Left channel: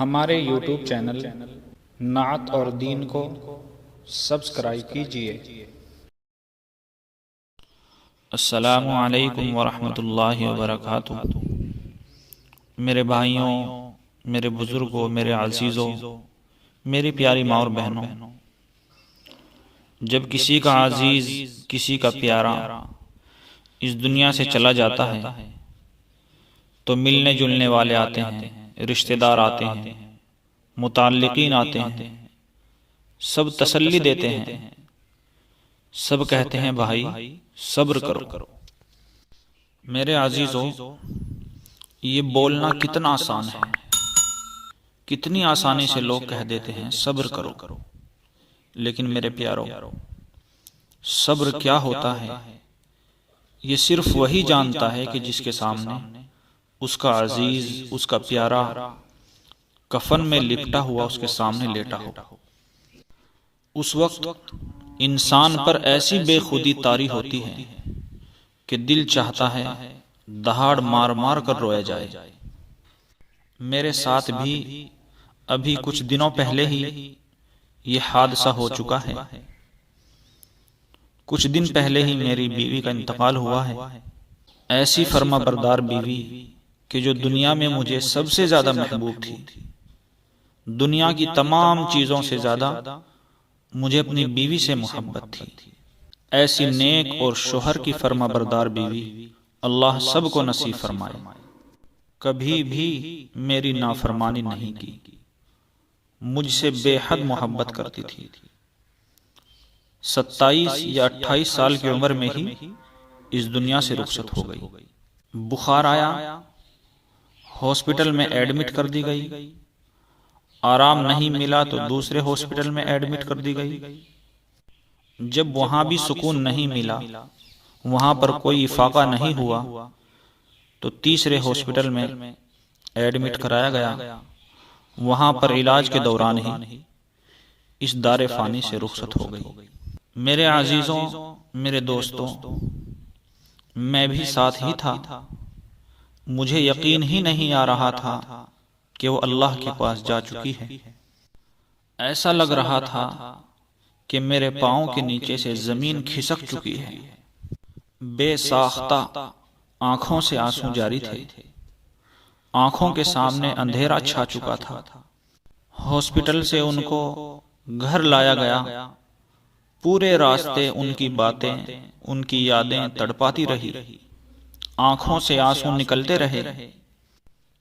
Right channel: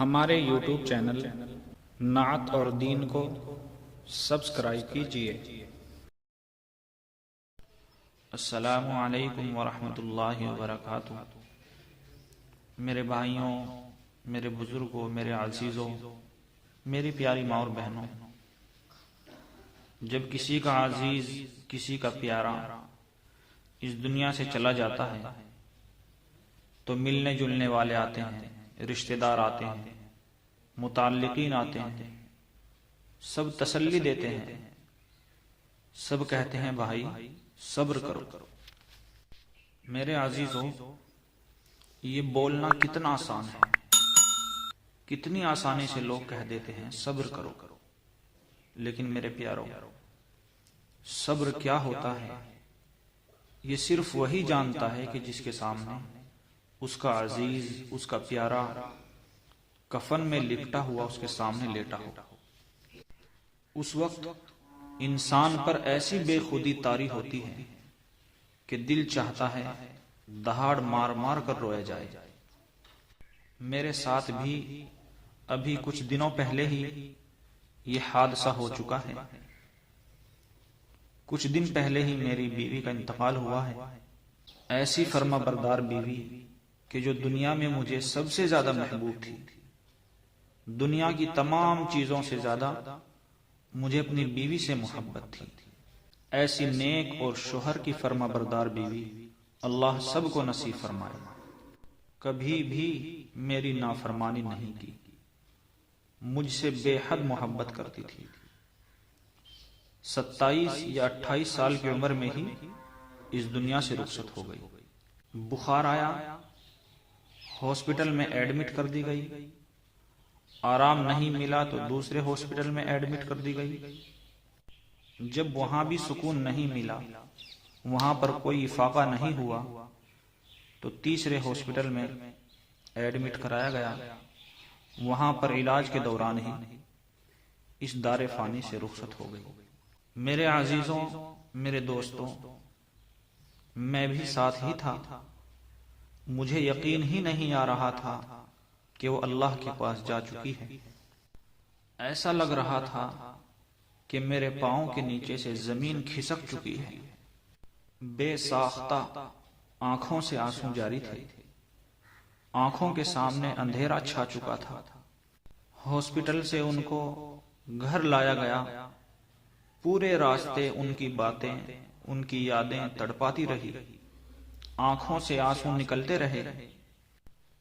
ہمارے YouTube channel نعت اور دین کو سبسکرائب کیجیے۔ السلام علیکم ورحمۃ اللہ وبرکاتہ۔ میرے بھائیوں، میرے بزرگوں، میرے عزیزوں، میری پیاری ماں اور بہنوں، جب کسی کا عزیز، کسی کا پیارا اس دنیا سے چلا جاتا ہے تو ملنے جلنے والے آتے ہیں، رشتہ دار آتے ہیں، متعلقین آتے ہیں، سب تسلی دیتے ہیں، سب کہتے ہیں بھائی صبر کرو۔ میرے عزیزوں، یہ بولنا کتنا آسان ہے، کتنی آسانی سے لوگ کہہ دیتے ہیں صبر کرو، لیکن میرے پیارو، صبر کیا ہوتا ہے یہ صرف وہی جانتا ہے کہ جس کے سامنے اس کا عزیز، اس کا پیارا کفن میں لپٹا ہوا اس کے سامنے لیٹا ہو۔ اس وقت انسان پر ایسی بے خودی طاری ہوتی ہے کہ دل چاہتا ہے دہاڑ مار مار کر رویا جائے۔ میرے ساتھ بھی ابھی کچھ دنوں پہلے ہی یہ حادثہ ہو چکا ہے۔ کچھ دن پہلے ہی میری بیوی کا انتقال ہوا ہے۔ ایسی فرما بردار بیوی کہ جو دنیا میں مجھے سب سے زیادہ محبوب تھی، دنیا کی تمام چیزوں سے زیادہ مجھے اپنی بیوی سے محبت تھی۔ ایسی نیک اور شوہر کی فرما بردار بیوی اللہ سب کو نصیب فرمائے۔ کبھی بھی میری نافرمانی نہیں کی، مجھ سے بے حد محبت کرتی تھی۔ 27 یا 28 سال کی عمر میں ہی اس دنیا سے رخصت ہو گئی۔ بخار آیا، ہاسپٹل میں ایڈمٹ کر دی گئی، آرام نہیں ملا تو دوسرے ہاسپٹل میں ایڈمٹ کر دی گئی۔ جب وہاں بھی سکون نہیں ملا، وہاں پر کوئی افاقہ نہیں ہوا، تو تیسرے ہاسپٹل میں ایڈمٹ کرایا گیا۔ وہاں پر علاج کے دوران ہی اس دار فانی سے رخصت ہو گئی۔ میرے عزیزوں، میرے دوستوں، میں بھی ساتھ ہی تھا۔ مجھے یقین ہی نہیں آ رہا تھا کہ وہ اللہ کے پاس جا چکی ہے۔ ایسا لگ رہا تھا کہ میرے پاؤں کے نیچے سے زمین کھسک چکی ہے۔ بے ساختہ آنکھوں سے آنسو جاری تھے، آنکھوں کے سامنے اندھیرا چھا چکا تھا۔ ہاسپٹل سے ان کو گھر لایا گیا۔ پورے راستے ان کی باتیں، ان کی یادیں تڑپاتی رہی، آنکھوں سے آنسو نکلتے رہے۔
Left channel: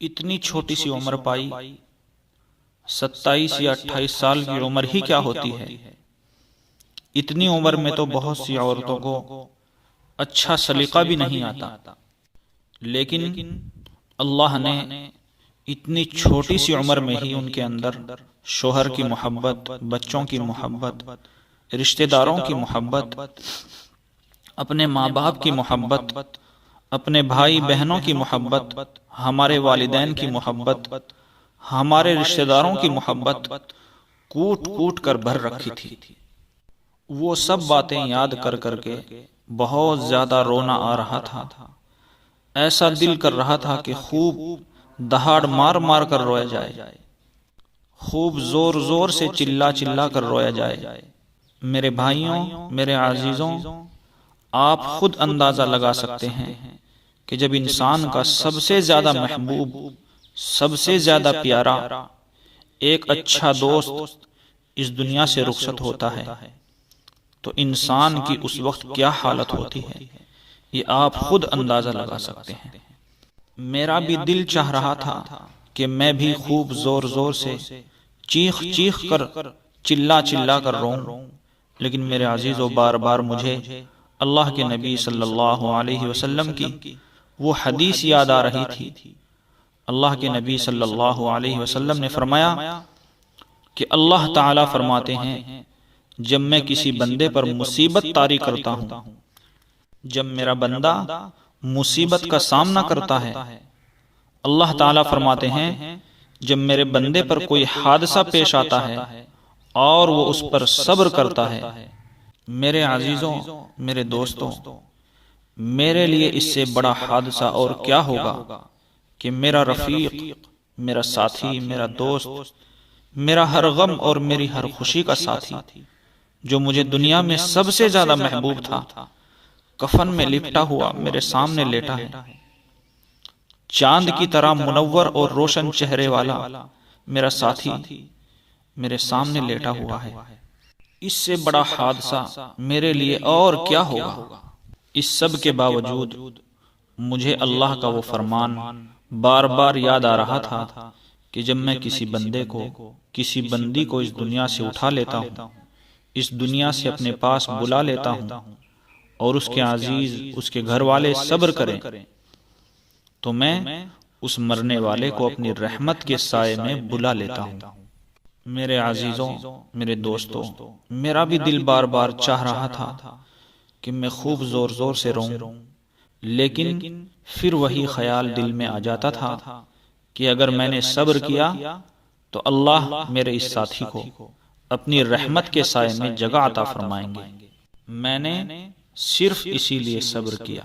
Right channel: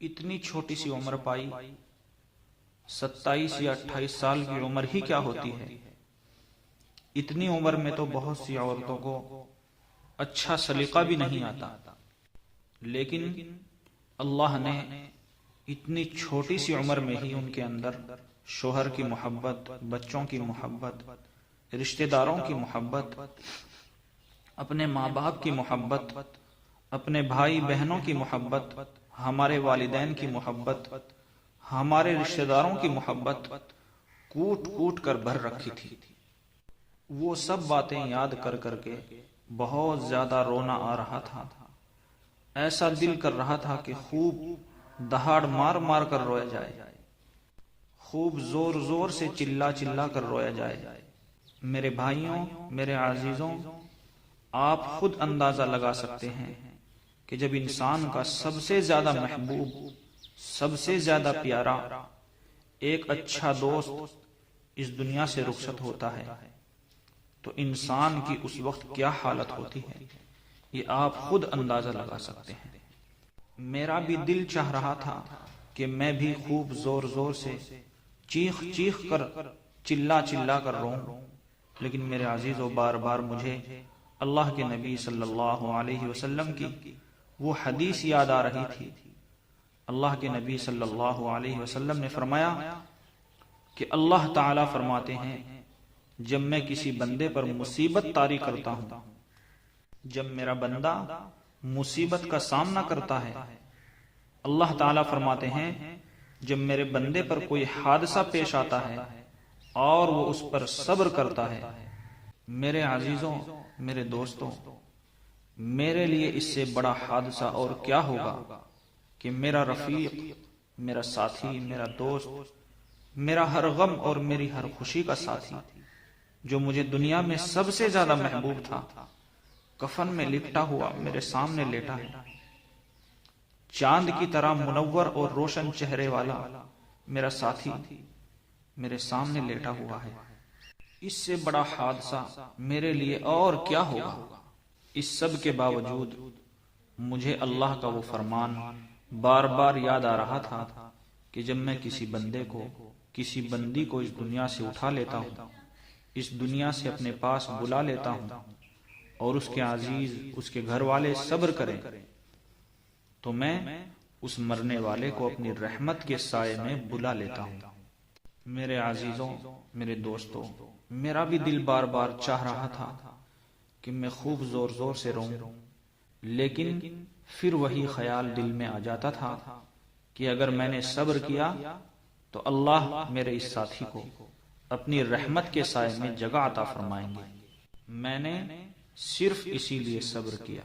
اتنی چھوٹی سی عمر پائی، 27 یا 28 سال کی عمر ہی کیا ہوتی ہے۔ اتنی عمر میں تو بہت سی عورتوں کو اچھا سلیقہ بھی نہیں آتا، لیکن اللہ نے اتنی چھوٹی سی عمر میں ہی ان کے اندر شوہر کی محبت، بچوں کی محبت، رشتہ داروں کی محبت، اپنے ماں باپ کی محبت، اپنے بھائی بہنوں کی محبت، ہمارے والدین کی محبت، ہمارے رشتہ داروں کی محبت کوٹ کوٹ کر بھر رکھی تھی۔ وہ سب باتیں یاد کر کر کے بہت زیادہ رونا آ رہا تھا۔ ایسا دل کر رہا تھا کہ خوب دہاڑ مار مار کر رویا جائے، خوب زور زور سے چلا چلا کر رویا جائے۔ میرے بھائیوں، میرے عزیزوں، آپ خود اندازہ لگا سکتے ہیں کہ جب انسان کا سب سے زیادہ محبوب، سب سے زیادہ پیارا، ایک اچھا دوست اس دنیا سے رخصت ہوتا ہے تو انسان کی اس وقت کیا حالت ہوتی ہے، یہ آپ خود اندازہ لگا سکتے ہیں۔ میرا بھی دل چاہ رہا تھا کہ میں بھی خوب زور زور سے چیخ چیخ کر، چلا چلا کر روؤں، لیکن میرے عزیزوں، بار بار مجھے اللہ کے نبی صلی اللہ علیہ وسلم کی وہ حدیث یاد آ رہی تھی۔ اللہ کے نبی صلی اللہ علیہ وسلم نے فرمایا کہ اللہ تعالیٰ فرماتے ہیں، جب میں کسی بندے پر مصیبت طاری کرتا ہوں، جب میرا بندہ مصیبت کا سامنا کرتا ہے، اللہ تعالیٰ فرماتے ہیں جب میرے بندے پر کوئی حادثہ پیش آتا ہے اور وہ اس پر صبر کرتا ہے، میرے عزیزوں، میرے دوستوں، میرے لیے اس سے بڑا حادثہ اور کیا ہوگا کہ میرا رفیق، میرا ساتھی، میرا دوست، میرا ہر غم اور میری ہر خوشی کا ساتھی، جو مجھے دنیا میں سب سے زیادہ محبوب تھا، کفن میں لپٹا ہوا میرے سامنے لیٹا ہے۔ چاند کی طرح منور اور روشن چہرے والا میرا ساتھی میرے سامنے لیٹا ہوا ہے۔ اس سے بڑا حادثہ میرے لیے اور کیا ہوگا؟ اس سب کے باوجود مجھے اللہ کا وہ فرمان بار بار یاد آ رہا تھا کہ جب میں کسی بندے کو، کسی بندی کو اس دنیا سے اٹھا لیتا ہوں، اس دنیا سے اپنے پاس بلا لیتا ہوں، اور اس کے عزیز، اس کے گھر والے صبر کریں، تو میں اس مرنے والے کو اپنی رحمت کے سائے میں بلا لیتا ہوں۔ میرے عزیزوں، میرے دوستوں، میرا بھی دل بار بار چاہ رہا تھا کہ میں خوب زور زور سے روؤں، لیکن پھر وہی خیال دل میں آ جاتا تھا کہ اگر میں نے صبر کیا تو اللہ میرے اس ساتھی کو اپنی رحمت کے سائے میں جگہ عطا فرمائیں گے۔ میں نے صرف اسی لیے صبر کیا۔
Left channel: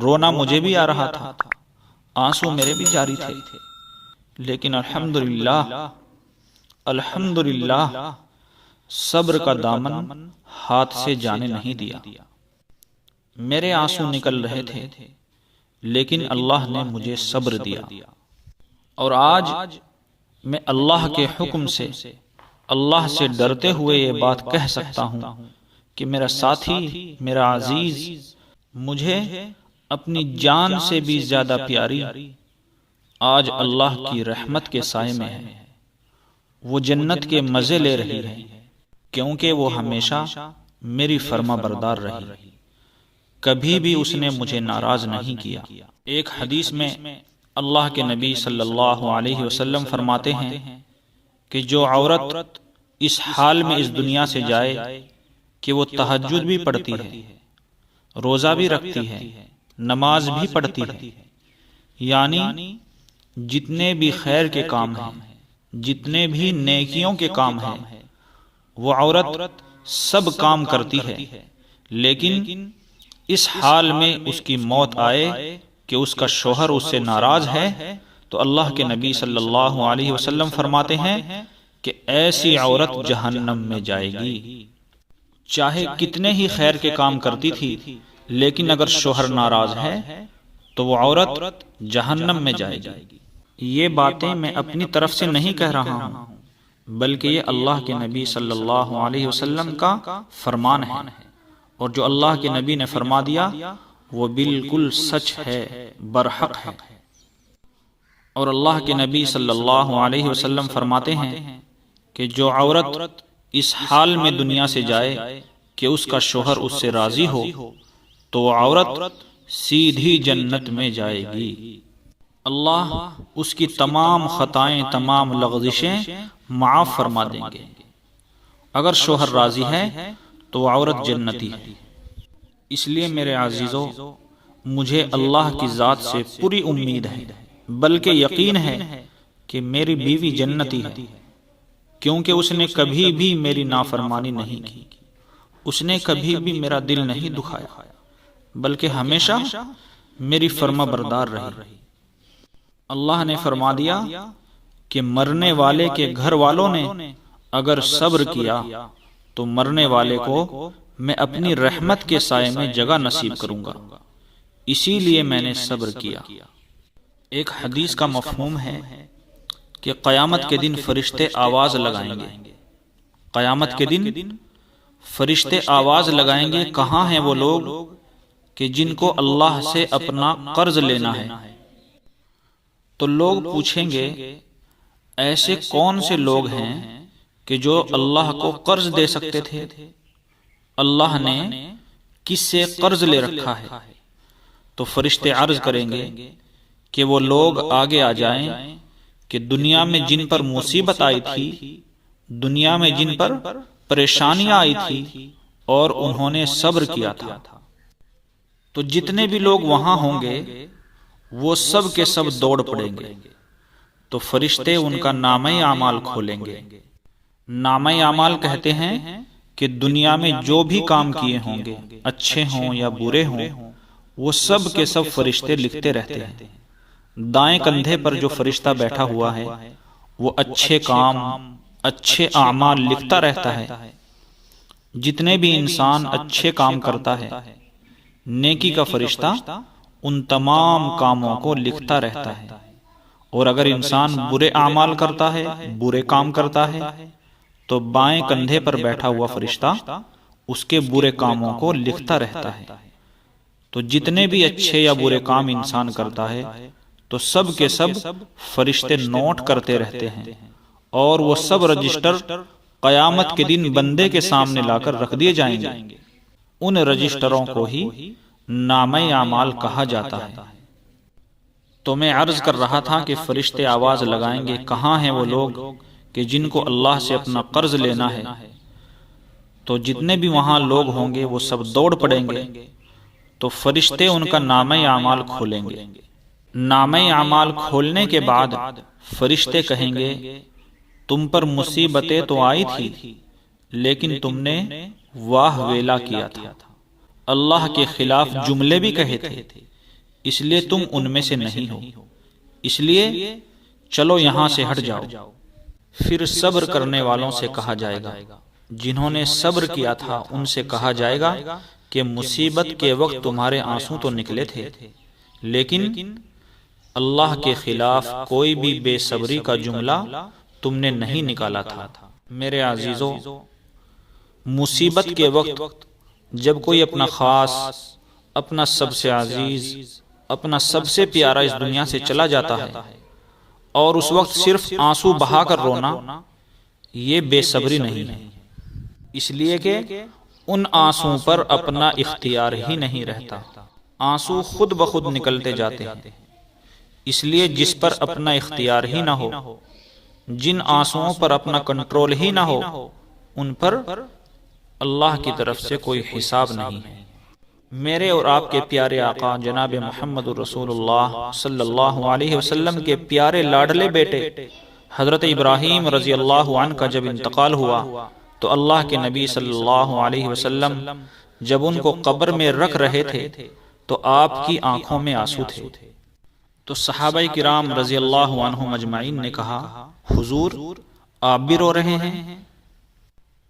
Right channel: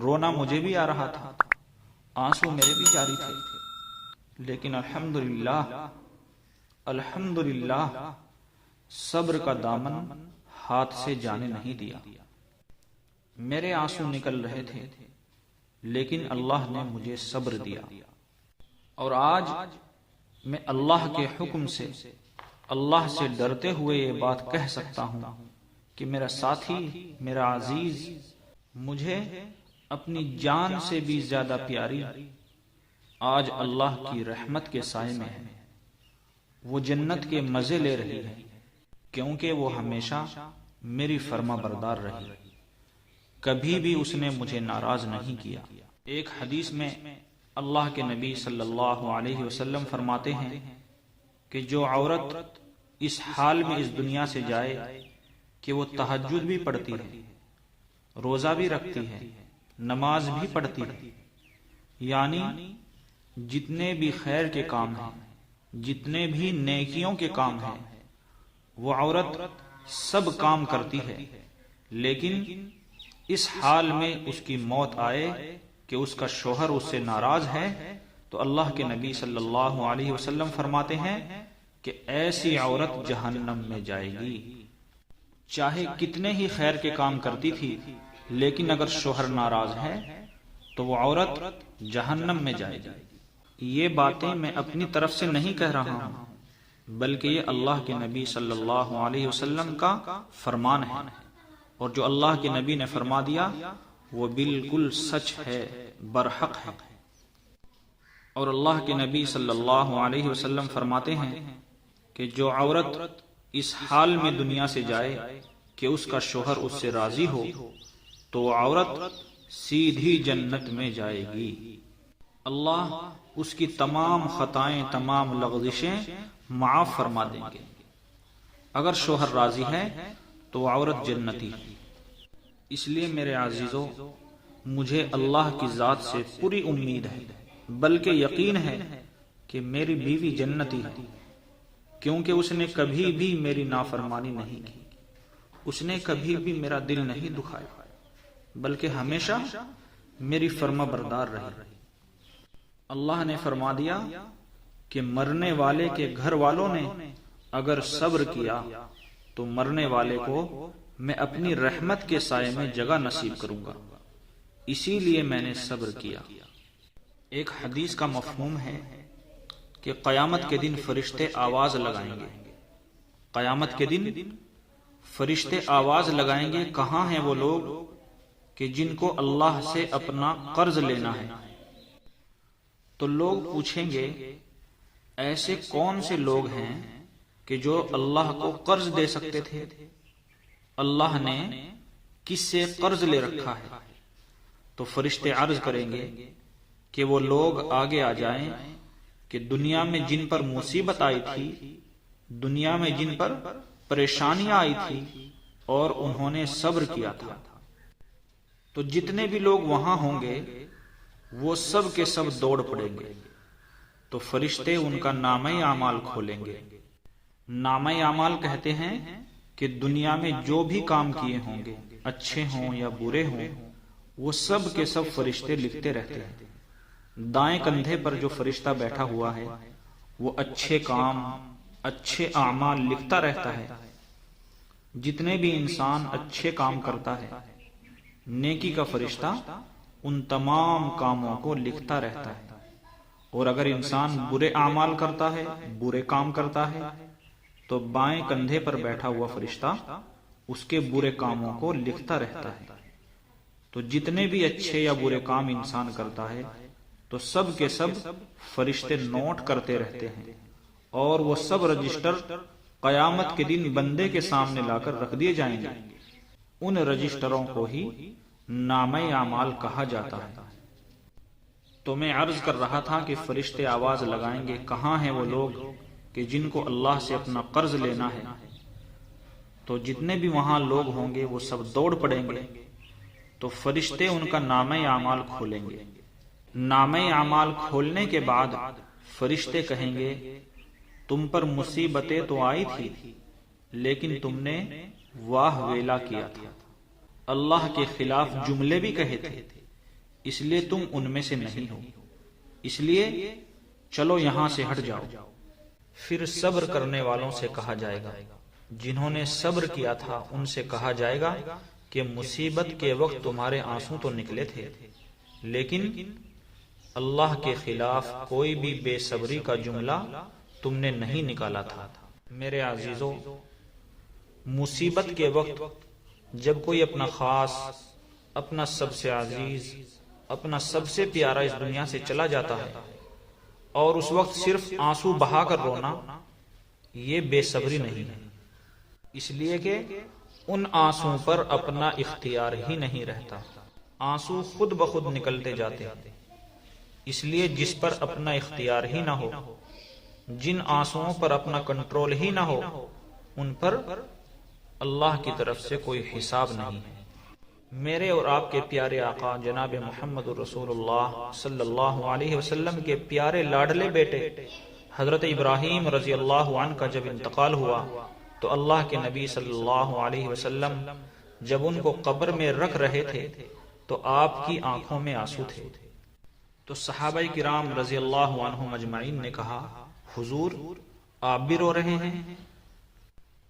رونا مجھے بھی آ رہا تھا، آنسو میرے بھی جاری تھے، لیکن الحمدللہ صبر کا دامن ہاتھ سے جانے نہیں دیا۔ میرے آنسو نکل رہے تھے، لیکن اللہ نے مجھے صبر دیا، اور آج میں اللہ کے حکم سے، اللہ سے ڈرتے ہوئے یہ بات کہہ سکتا ہوں کہ میرا ساتھی، میرا عزیز، مجھے اپنی جان سے بھی زیادہ پیاری آج اللہ کی رحمت کے سائے میں ہے۔ وہ جنت کے مزے لے رہی ہے، کیونکہ وہ ہمیشہ میری فرما بردار رہی، کبھی بھی اس نے مجھے ناراض نہیں کیا۔ ایک حدیث میں اللہ کے نبی صلی اللہ علیہ وسلم فرماتے ہیں کہ جو عورت اس حال میں اس دنیا سے جائے کہ وہ تہجد بھی پڑھتی ہے، روزہ بھی رکھتی ہے، نماز بھی پڑھتی ہے، یعنی جتنے بھی خیر کے کام ہیں، جتنے بھی نیکیوں کے کام ہیں، وہ عورت سب کام کرتی ہے، لیکن اس حال میں اس کی موت آئے کہ اس کا شوہر اس سے ناراض ہے، تو اللہ کے نبی صلی اللہ علیہ وسلم فرماتے ہیں کہ ایسی عورت جہنم میں جائے گی۔ چاہے کتنے ہی خیر کے کام کرتی تھی، لیکن اگر شوہر ناراض ہے تو وہ عورت جہنم میں جائے گی۔ یہ باتیں میں اپنی طرف سے نہیں کہہ رہا ہوں، بلکہ یہ اللہ کے نبی صلی اللہ علیہ وسلم کا فرمان ہے، اور جو اللہ کے نبی نے فرما دیا وہ بالکل سچ ہے، برحق ہے۔ اور اللہ کے نبی صلی اللہ علیہ وسلم فرماتے ہیں کہ جو عورت اس حال میں دنیا سے جائے کہ اس کا شوہر اس سے راضی ہو، تو وہ عورت سیدھی جنت میں جائے گی۔ اللہ اس کی تمام خطائیں، تمام لغزشیں معاف فرما دیں گے۔ اگر شوہر راضی ہے تو وہ عورت جنتی ہے۔ اس لیے میرے عزیزو، مجھے اللہ کی ذات سے پوری امید ہے، بلکہ یقین ہے کہ میری بیوی جنتی ہے، کیونکہ اس نے کبھی بھی میری نافرمانی نہیں کی، اس نے کبھی بھی میرا دل نہیں دکھایا، بلکہ ہمیشہ میری فرما بردار رہی۔ اللہ نے فرما دیا کہ مرنے والے کے گھر والوں نے اگر صبر کیا تو مرنے والے کو میں اپنی رحمت کے سائے میں جگہ نصیب کروں گا، اسی لیے میں نے صبر کیا۔ ایک حدیث کا مفہوم ہے کہ قیامت کے دن فرشتے آواز لگائیں گے، قیامت کے دن فرشتے آواز لگائیں گے، کہاں ہیں وہ لوگ کہ جن کو اللہ سے اپنا قرض لینا ہے؟ تو لوگ پوچھیں گے ایسے کون سے لوگ ہیں کہ جو اللہ کو قرض دے سکتے تھے؟ اللہ نے کس سے قرض لے رکھا ہے؟ تو فرشتے عرض کریں گے کہ وہ لوگ آگے آ جائیں کہ دنیا میں جن پر مصیبت آئی تھی، دنیا میں جن پر پریشانیاں آئی تھی اور انہوں نے صبر کیا تھا، تو جتنے بھی لوگ وہاں ہوں گے وہ سب کے سب دوڑ پڑیں گے، تو فرشتے ان کا نامہ اعمال کھولیں گے۔ نامہ اعمال کہتے ہیں کہ دنیا میں جو بھی کام کیے ہوں گے، اچھے ہوں یا برے ہوں، وہ سب کے سب فرشتے لکھتے رہتے ہیں۔ دائیں کندھے پر جو فرشتہ بیٹھا ہوا ہے وہ اچھے کام، اچھے اعمال لکھتا رہتا ہے۔ جتنے بھی انسان اچھے کام کرتا ہے، نیکی کا فرشتہ ان تمام کاموں کو لکھتا رہتا ہے، اور اگر انسان برے اعمال کرتا ہے، برے کام کرتا ہے، تو بائیں کندھے پر بیٹھا ہوا فرشتہ اس کے برے کاموں کو لکھتا رہتا ہے۔ تو جتنے بھی اچھے یا برے کام انسان کرتا ہے تو سب کے سب فرشتے نوٹ کرتے رہتے ہیں، اور وہ سب رجسٹر قیامت کے دن بندے کے سامنے لا کر رکھ دیے جائیں گے۔ ان رجسٹروں کو ہی نامہ اعمال کہا جاتا ہے۔ تو میں عرض کر رہا تھا کہ فرشتے آواز لگائیں گے، کہاں ہیں وہ لوگ کہ جن کو اللہ سے اپنا قرض لینا ہے؟ تو جتنے بھی وہاں لوگ ہوں گے وہ سب دوڑ پڑیں گے، تو فرشتے ان کا نامہ اعمال کھولیں گے۔ نامہ اعمال کھولنے کے بعد فرشتے کہیں گے، تم پر مصیبتیں تو آئی تھی، لیکن تم نے واہ ویلا کیا تھا، اللہ کے خلاف جملے بھی کہے تھے، اس لیے تم ان میں سے نہیں ہو، اس لیے چلو یہاں سے ہٹ جاؤ۔ پھر صبر کرنے والوں سے کہا جائے گا، جنہوں نے صبر کیا تھا ان سے کہا جائے گا کہ مصیبت کے وقت تمہارے آنسو تو نکلے تھے، لیکن اللہ کے خلاف کوئی بھی بے صبری کا جملہ تم نے نہیں نکالا تھا۔ میرے عزیزو، مصیبت کے وقت جب کوئی اپنا خاص، اپنا سب سے عزیز، اپنا سب سے پیارا اس دنیا سے چلا جاتا ہے، اور اس وقت صرف آنسو بہا کر رونا، یہ بے صبری نہیں ہے، اس لیے کہ ان آنسوں پر اپنا اختیار ہی نہیں رہتا، آنسو خود بخود نکلتے جاتے ہیں۔ اس لیے جس پر اپنا اختیار ہی نہ ہو، جن آنسوؤں پر اپنا کنٹرول ہی نہ ہو، ان پر اللہ کی طرف سے کوئی حساب نہیں ہے۔ میرے اور آپ کے پیارے آقا جناب محمد رسول اللہ صلی اللہ علیہ وسلم کے پیارے لاڈلے بیٹے حضرت ابراہیم رضی اللہ عنہ کا جب انتقال ہوا تو اللہ کے نبی صلی اللہ علیہ وسلم جب ان کو قبر میں رکھ رہے تھے تو آپ کی آنکھوں میں آنسو تھے۔ تو صحابہ کرام رضی اللہ عنہم اجمعین نے کہا، حضور آپ بھی رو رہے ہیں؟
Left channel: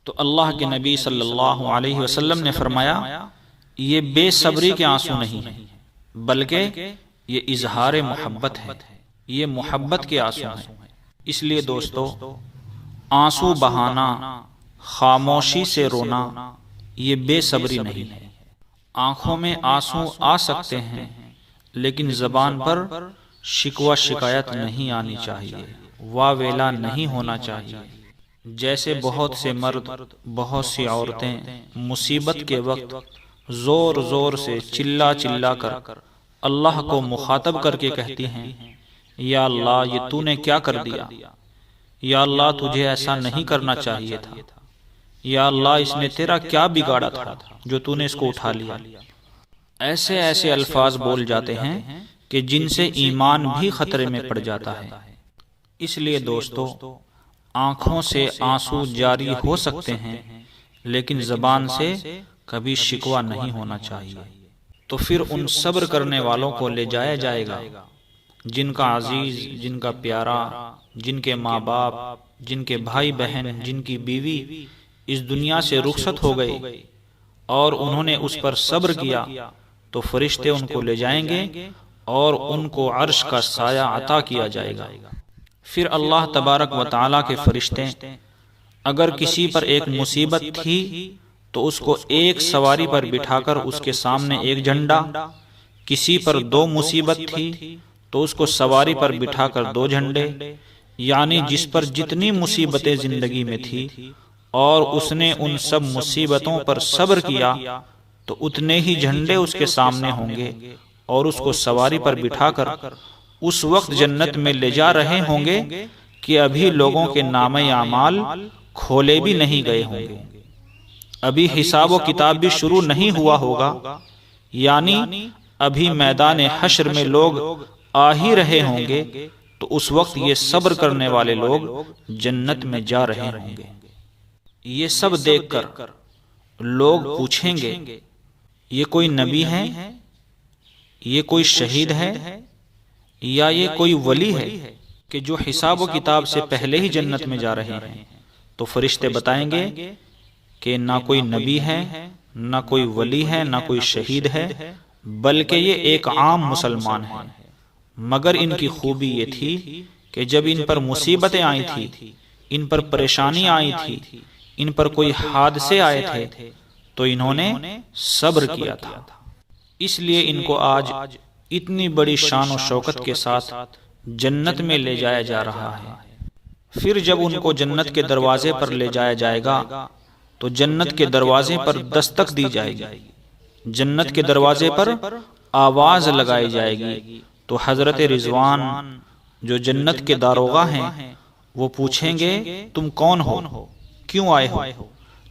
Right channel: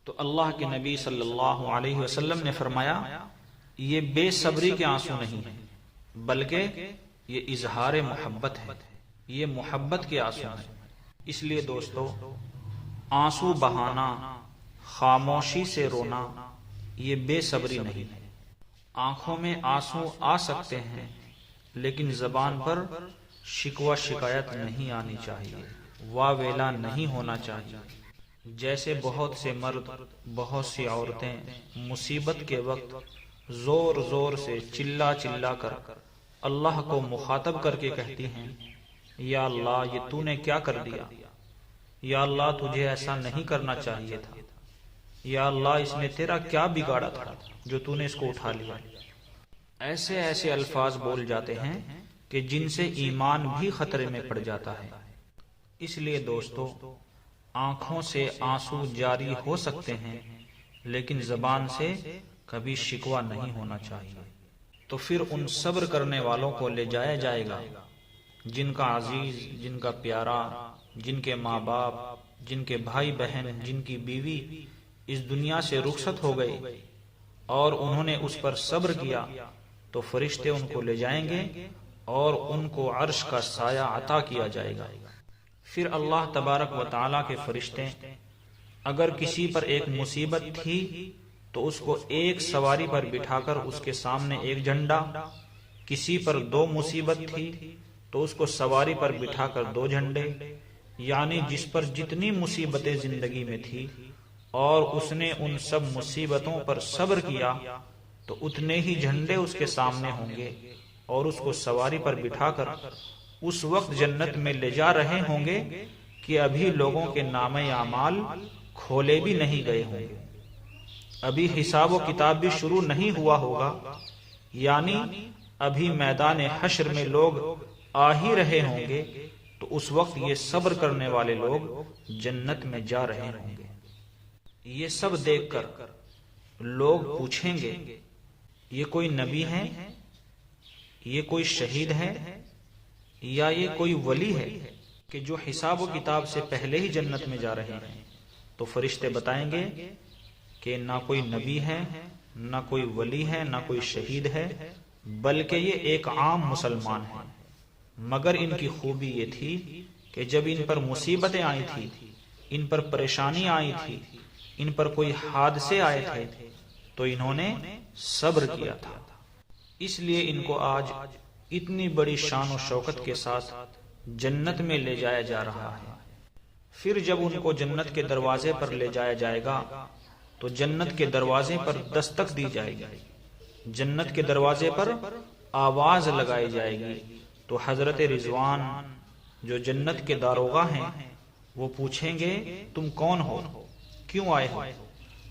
تو اللہ کے نبی صلی اللہ علیہ وسلم نے فرمایا، یہ بے صبری کے آنسو نہیں ہیں، بلکہ یہ اظہار محبت ہے، یہ محبت کے آنسو ہیں۔ اس لیے دوستو، آنسو بہانا، خاموشی سے رونا، یہ بے صبری نہیں ہے۔ آنکھوں میں آنسو آ سکتے ہیں، لیکن زبان پر شکوہ شکایت نہیں آنی چاہیے، واہ ویلا نہیں ہونا چاہیے۔ جیسے بہت سے مرد، بہت سی عورتیں مصیبت کے وقت زور زور سے چلا چلا کر اللہ کو مخاطب کر کے کہتی ہیں، یا اللہ یہ تو نے کیا کر دیا، یا اللہ تجھے ایسا نہیں کرنا چاہیے تھا، یا اللہ اس نے تیرا کیا بگاڑا تھا جو تو نے اس کو اٹھا لیا۔ ایسے ایسے الفاظ بول جاتے ہیں کہ جن سے ایمان بھی خطرے میں پڑ جاتا ہے۔ اس لیے دوستو، آنکھوں سے آنسو جاری ہو سکتے ہیں، لیکن زبان سے کبھی شکوہ نہیں ہونا چاہیے۔ تو پھر ان صبر کرنے والوں کو لے جایا جائے گا جن کا عزیز، جن کا پیارا، جن کے ماں باپ، جن کے بھائی بہن، جن کی بیوی اس دنیا سے رخصت ہو گئی اور انہوں نے اس پر صبر کیا، تو فرشتے ان کو لے جائیں گے اور ان کو عرش کا سایہ عطا کیا جائے گا۔ پھر اللہ تبارک و تعالیٰ کے فرشتے اگر کسی پر ایک مصیبت تھی تو اس کو ایک سواری پر بٹھا کر اس کے سامنے ایک جھنڈا، کسی پر دو مصیبت تھی تو اس کو سواری پر بٹھا کر دو جھنڈے، یعنی جس پر جتنی مصیبتیں زندگی میں تھی اور اس نے ان سب مصیبتوں پر صبر کیا تو اتنے ہی جھنڈے اس کے سامنے ہوں گے، اور اس کو سواری پر بٹھا کر اس وقت جنت میں لے جا رہے ہوں گے کہ ابھی لوگوں کے نامہ اعمال کھولے بھی نہیں گئے ہوں گے، ابھی حساب و کتاب بھی شروع نہیں ہوا ہوگا، یعنی ابھی میدان حشر میں لوگ آ ہی رہے ہوں گے، تو اس وقت یہ صبر کرنے والے لوگ جنت میں جا رہے ہوں گے۔ یہ سب دیکھ کر لوگ پوچھیں گے، یہ کوئی نبی ہے، یہ کوئی شہید ہے، یا یہ کوئی ولی ہے کہ جو حساب و کتاب سے پہلے ہی جنت میں جا رہے ہیں؟ تو فرشتے بتائیں گے کہ نہ کوئی نبی ہے، نہ کوئی ولی ہے، نہ کوئی شہید ہے، بلکہ یہ ایک عام مسلمان ہے، مگر ان کی خوبی یہ تھی کہ جب ان پر مصیبتیں آئی تھی، ان پر پریشانی آئی تھی، ان پر کوئی حادثے آئے تھے، تو انہوں نے صبر کیا تھا، اس لیے ان کو آج اتنی بڑی شان و شوکت کے ساتھ جنت میں لے جایا جا رہا ہے۔ پھر جب ان کو جنت کے دروازے پر لے جایا جائے گا تو جنت کے دروازے پر دستک دی جائے گی، جنت کے دروازے پر آواز لگائی جائے گی، تو حضرت رضوان جو جنت کے داروغہ ہیں وہ پوچھیں گے تم کون ہو، کیوں آئے ہو؟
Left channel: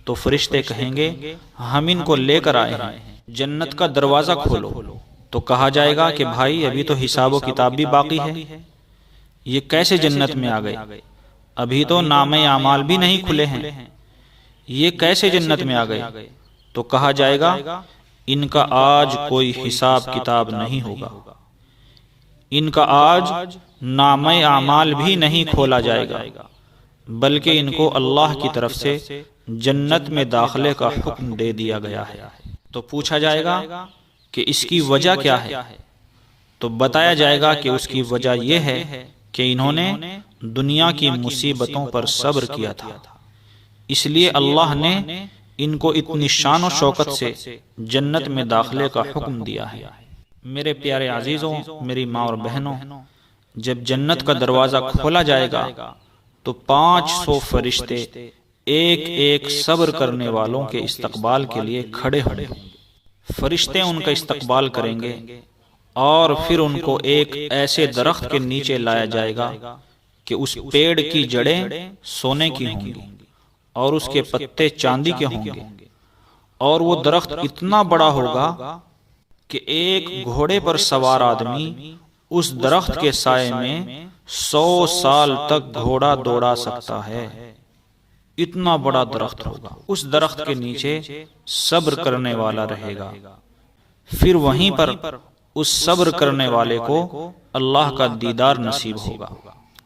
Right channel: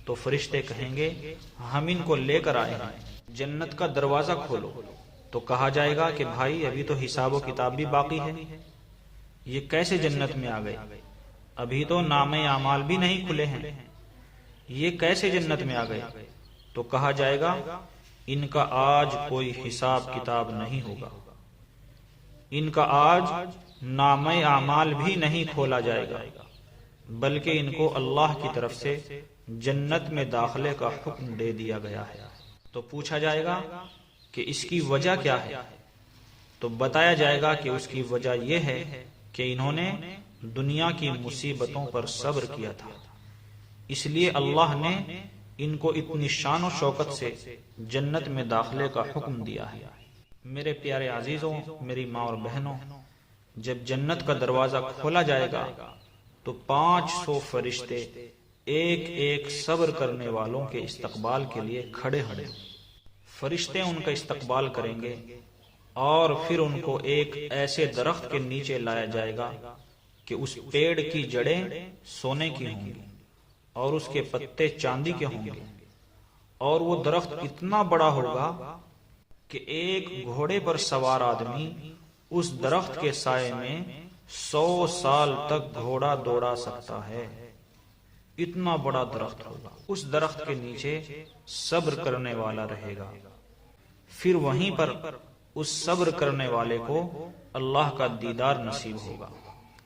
تو فرشتے کہیں گے ہم ان کو لے کر آئے ہیں، جنت کا دروازہ کھولو۔ تو کہا جائے گا کہ بھائی ابھی تو حساب و کتاب بھی باقی ہے، یہ کیسے جنت میں آ گئے؟ ابھی تو نامہ اعمال بھی نہیں کھلے ہیں، یہ کیسے جنت میں آ گئے؟ تو کہا جائے گا ان کا آج کوئی حساب کتاب نہیں ہوگا، ان کا آج نامہ اعمال بھی نہیں کھولا جائے گا، بلکہ ان کو اللہ کی طرف سے جنت میں داخلے کا حکم دے دیا گیا ہے۔ تو پوچھا جائے گا کہ اس کی وجہ کیا ہے؟ تو بتایا جائے گا کہ اس کی وجہ یہ ہے کہ انہوں نے دنیا کی مصیبتوں پر صبر کیا تھا، اس لیے اللہ نے ان کو اتنی شان و شوکت سے جنت میں داخلے کا حکم دیا ہے۔ میرے پیارے عزیزوں، میری ماں اور بہنوں، جب جنت کا دروازہ کھولا جائے گا تو 500 فرشتے ایک ایک صبر کرنے والوں کے استقبال کے لیے کھڑے ہوں گے۔ فرشتے ان کا استقبال کریں گے اور پھر ان کو ایک ایسے درخت کے نیچے لایا جائے گا کہ اس پیڑ کی جڑیں سونے کی ہوں گی اور اس کے پتے چاندی کے ہوں گے، اور وہ درخت اتنا بڑا ہوگا کہ ایک گھوڑے پر سوار آدمی اس درخت کے سائے میں 100 سال تک گھوڑا دوڑا سکتا ہے، اتنا بڑا درخت ہوگا۔ اس درخت کے نیچے صبر کرنے والا رہے گا، پھر وہیں پر اس صبر کرنے والے کو اللہ کا دیدار نصیب ہوگا،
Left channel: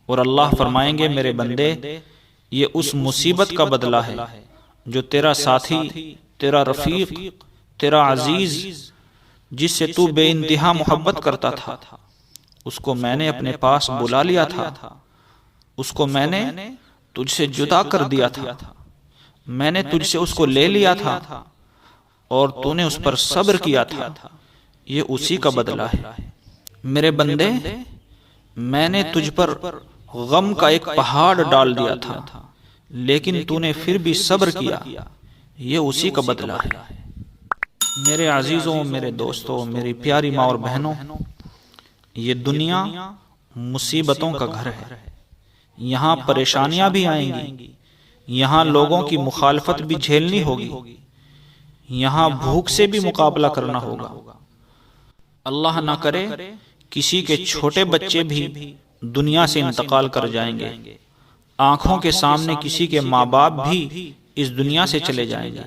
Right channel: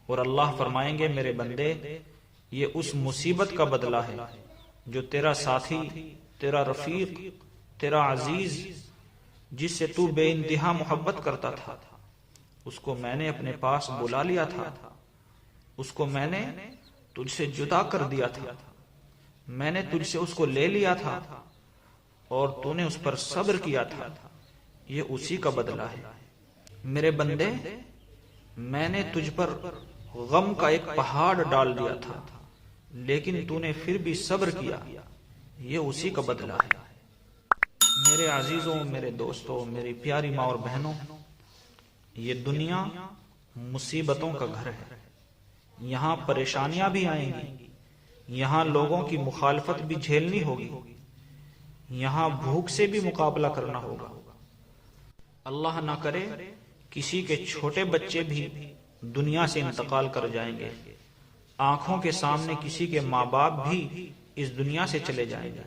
اور اللہ فرمائیں گے میرے بندے یہ اس مصیبت کا بدلہ ہے جو تیرا ساتھی، تیرا رفیق، تیرا عزیز جس سے تو بے انتہا محبت کرتا تھا، اس کو میں نے اپنے پاس بلا لیا تھا، اس کو میں نے تجھ سے جدا کر دیا تھا، میں نے تجھ سے اس کو لے لیا تھا اور تو نے اس پر صبر کیا تھا، یہ اسی کا بدلہ ہے۔ میرے بندے میں نے تجھ پر غم کا ایک پہاڑ ڈال دیا تھا لیکن تو نے پھر بھی صبر کیا، یہ اسی کا بدلہ ہے۔ میرے عزیزوں، میرے دوستوں، میری پیاری ماں اور بہنوں، یہ دنیا مصیبتوں کا گھر ہے، یہاں پریشانیاں بھی آئیں گی، یہاں لوگوں کی مخالفت بھی جھیلنی ہوگی، یہاں بھوک سے بھی مقابلہ کرنا ہوگا۔ اللہ نہ کرے کسی کے چھوٹے بچے بھی دنیا سے انتقال کر جائیں گے، آنکھوں کے سامنے کسی کے ماں باپ بھی اس دنیا سے چلے جائیں گے،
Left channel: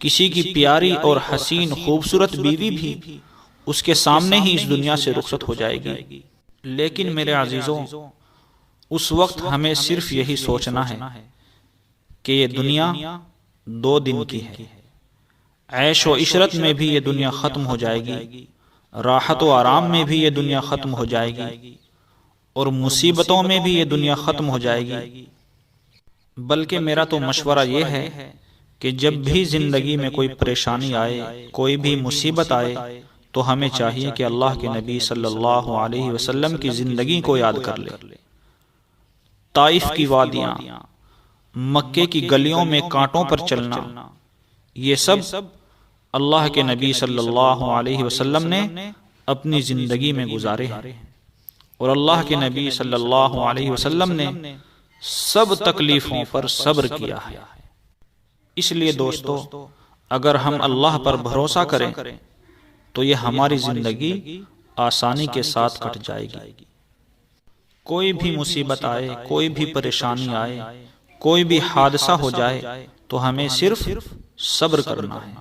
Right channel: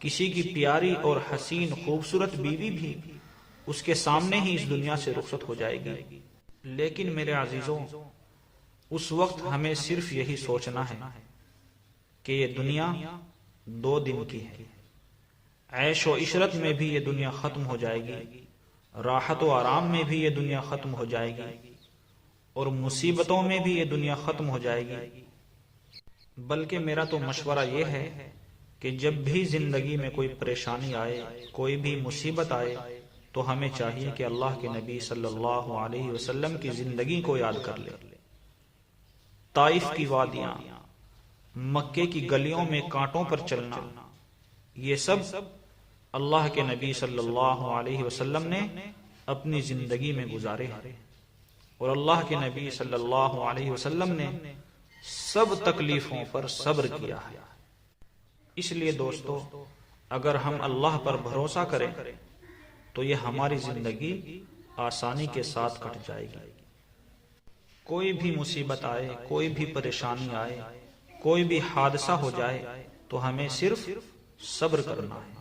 کسی کی پیاری اور حسین خوبصورت بیوی بھی اس کے سامنے ہی اس دنیا سے رخصت ہو جائے گی۔ لیکن میرے عزیزوں، اس وقت ہمیں صرف یہی سوچنا ہے کہ یہ دنیا 2 دن کی ہے، عیش و عشرت میں بھی یہ دنیا ختم ہو جائے گی، راحت و آرام میں بھی یہ دنیا ختم ہو جائے گی، اور مصیبتوں میں بھی یہ دنیا ختم ہو جائے گی۔ بلکہ میرا تو مشورہ یہ ہے کہ جب بھی زندگی میں کوئی پریشانی آئے، کوئی بھی مصیبت آئے، تو ہمیں چاہیے کہ اللہ کے نبی صلی اللہ علیہ وسلم کی زندگی کو یاد کر لے۔ طائف کی وادیاں، مکے کی گلیوں میں کانٹوں پر چلنا، یہ سب اللہ کے نبی صلی اللہ علیہ وسلم نے اپنی زندگی میں گزارے ہیں، اور اللہ کے نبی صلی اللہ علیہ وسلم نے سب تکلیفوں پر صبر کیا ہے۔ اس لیے دوستو، اگر ہم اللہ پر بھروسہ کریں تو یہ ہماری زندگی آسانی کے ساتھ کٹ جائے گی۔ کوئی بھی مصیبت آئے، کوئی بھی پریشانی آئے، کوئی بھی حادثہ ہو جائے تو ہمیں صرف صبر کرنا ہے۔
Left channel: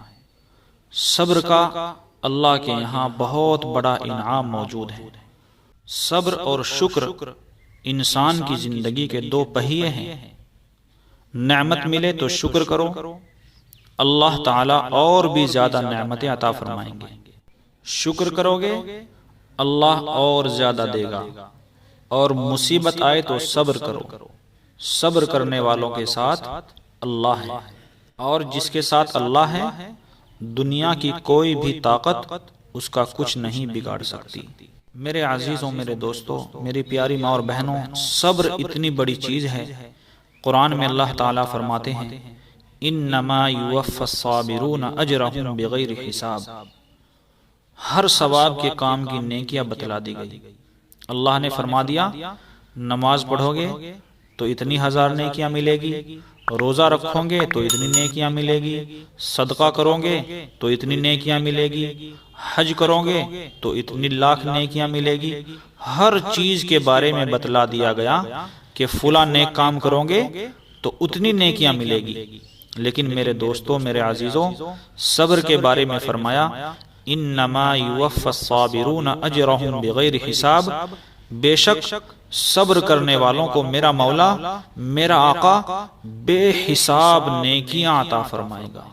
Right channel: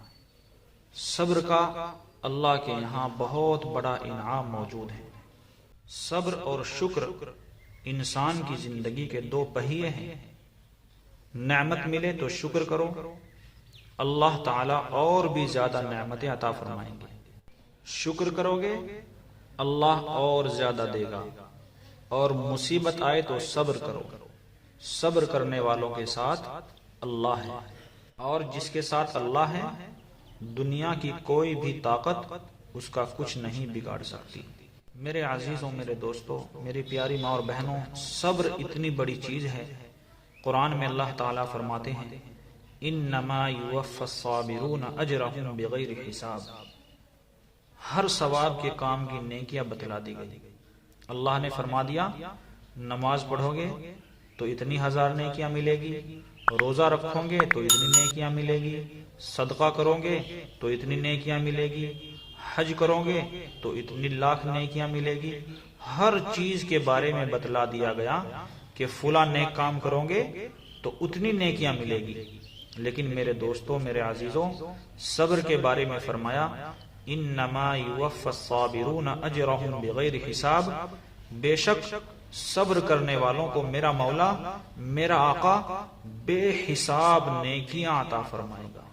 صبر کا اللہ کے یہاں بہت بڑا انعام موجود ہے۔ صبر اور شکر انسان کی زندگی کے دو پہیے ہیں۔ نعمت ملے تو شکر کرو، اللہ تعالیٰ اور بھی زیادہ نعمتیں عطا فرمائیں گے۔ شکر کرو گے اللہ اور زیادہ دے گا، اور مصیبت آئے تو صبر کرو، صبر کرنے والوں کے ساتھ اللہ ہے، اور جس کے ساتھ اللہ ہے دنیا کی کوئی بھی طاقت اس کا کچھ نہیں بگاڑ سکتی۔ میرے عزیزوں، میرے دوستوں، میری پیاری ماں اور بہنوں، صبر اتنی بڑی چیز ہے۔ قرآن میں اللہ تعالیٰ فرماتے ہیں انما یوفی الصابرون اجرہم بغیر حساب۔ ہر ثواب کے کام کی نیکیاں بتلا دی گئی۔ اللہ نے فرما دیا نماز پڑھو گے تو اتنی 1000 نیکیاں ملے گی، روزہ رکھو گے تو اتنی نیکیاں ملے گی، صدقہ کرو گے تو اتنی نیکیاں ملے گی، حج کرو گے تو اتنی لاکھ نیکیاں ملے گی۔ ہر چیز کے بارے میں بتلا دیا گیا کہ فلاں نیک کام کرو گے تو اتنی نیکیاں ملے گی۔ لیکن میرے دوستوں، میرے عزیزوں، صبر کے بارے میں فرمایا انما یوفی الصابرون اجرہم بغیر حساب۔ بے شک صبر کرنے والوں کو میرا مولا، میرا آقا بے حساب نیکیاں عطا فرمائے گا،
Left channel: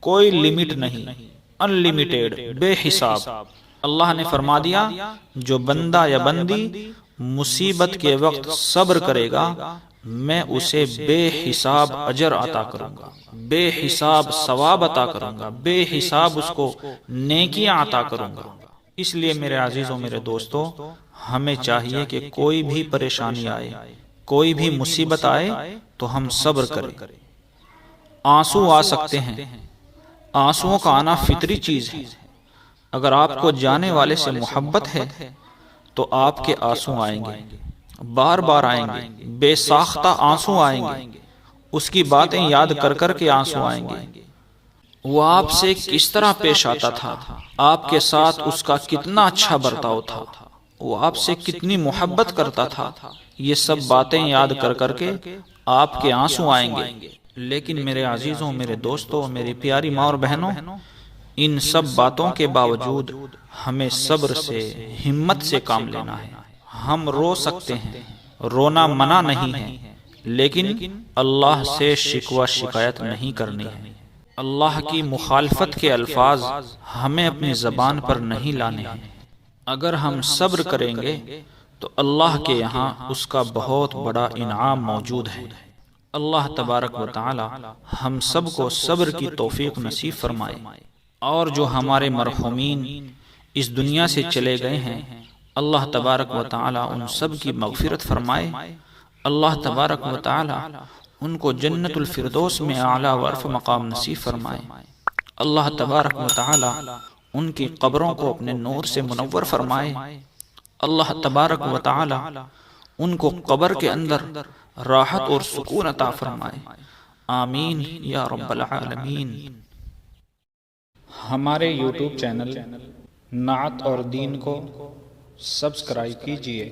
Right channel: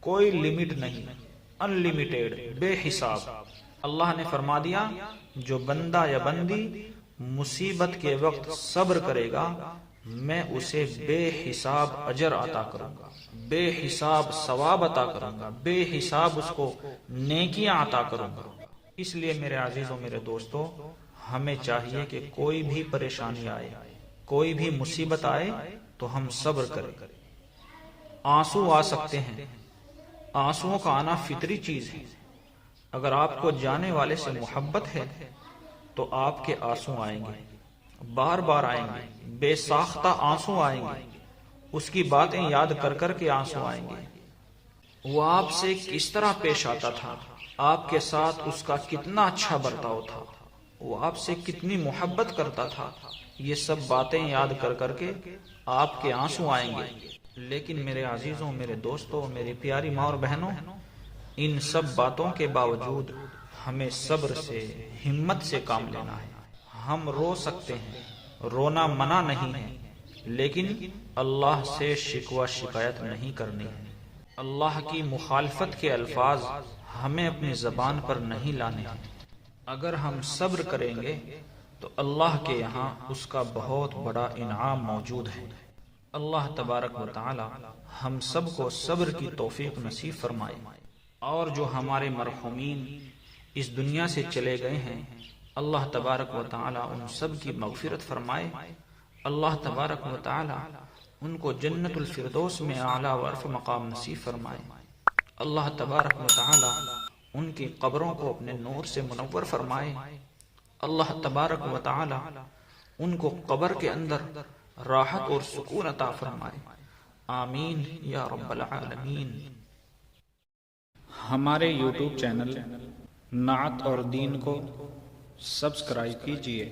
کوئی لمٹ نہیں، ان لمیٹیڈ، بے حساب۔ اللہ نے فرما دیا جو بندہ یا بندی مصیبت کے وقت صبر کرے گا میں اسے بے حساب اجر عطا کروں گا، بے حساب ثواب عطا کروں گا، بے حساب اس کو نیکیاں عطا کروں گا۔ اس لیے میرے عزیزوں، میرے دوستوں، ہمیں چاہیے کہ کوئی بھی پریشانی آئے، کوئی بھی مصیبت آئے تو ہم صبر کریں۔ آنسو آ سکتے ہیں، آنسوؤں کا آنا فطری چیز ہے۔ اگر آپ کو جانے والے سے محبت ہے تو آپ کے آنسو آئیں گے، بار بار آئیں گے، بے ساختہ آنسو آئیں گے، اس کی باتیں یاد کر کر کے آنسو آئیں گے۔ وہ آپ سے کس طرح پیش آتا تھا، آپ کے ساتھ اس کا کتنا اچھا برتاؤ تھا، وہ آپ سے کتنی محبت کرتا تھا، یہ سب باتیں یاد کر کر کے آپ کے آنسو آئیں گے۔ لیکن میرے عزیزوں، میرے دوستوں، میری پیاری ماں اور بہنوں، ان سب باتوں کے باوجود ہمیں صبر سے، ہمت سے کام لینا ہے۔ ہم رو سکتے ہیں، رونا منع نہیں ہے، لیکن اللہ سے شکوہ شکایت نہیں کرنی ہے۔ اللہ کی مخالفت کے الفاظ ہمیں اپنی زبان پر نہیں لانے ہیں۔ اگر ہم صبر کریں گے تو اللہ کے یہاں اس کا بہت بڑا انعام موجود ہے۔ اللہ تبارک و تعالی ہم سب کو صبر کی توفیق نصیب فرمائے، اور جو ہمارے مرحومین اس دنیا سے چلے گئے ہیں اللہ تبارک و تعالی ان سب کی مغفرت فرمائے۔ اللہ تبارک و تعالی ان کو جنت الفردوس میں اعلیٰ و عرف مقام نصیب فرمائے۔ اللہ تبارک و تعالی ان کی قبروں کو اپنے نور سے منور فرمائے۔ اللہ تبارک و تعالی ان کو قبر کے اندر راحت اور سکون عطا فرمائے۔ آمین یا رب العالمین۔ ہمارے یوٹیوب چینل نعت اور دین کو سبسکرائب کیجیے۔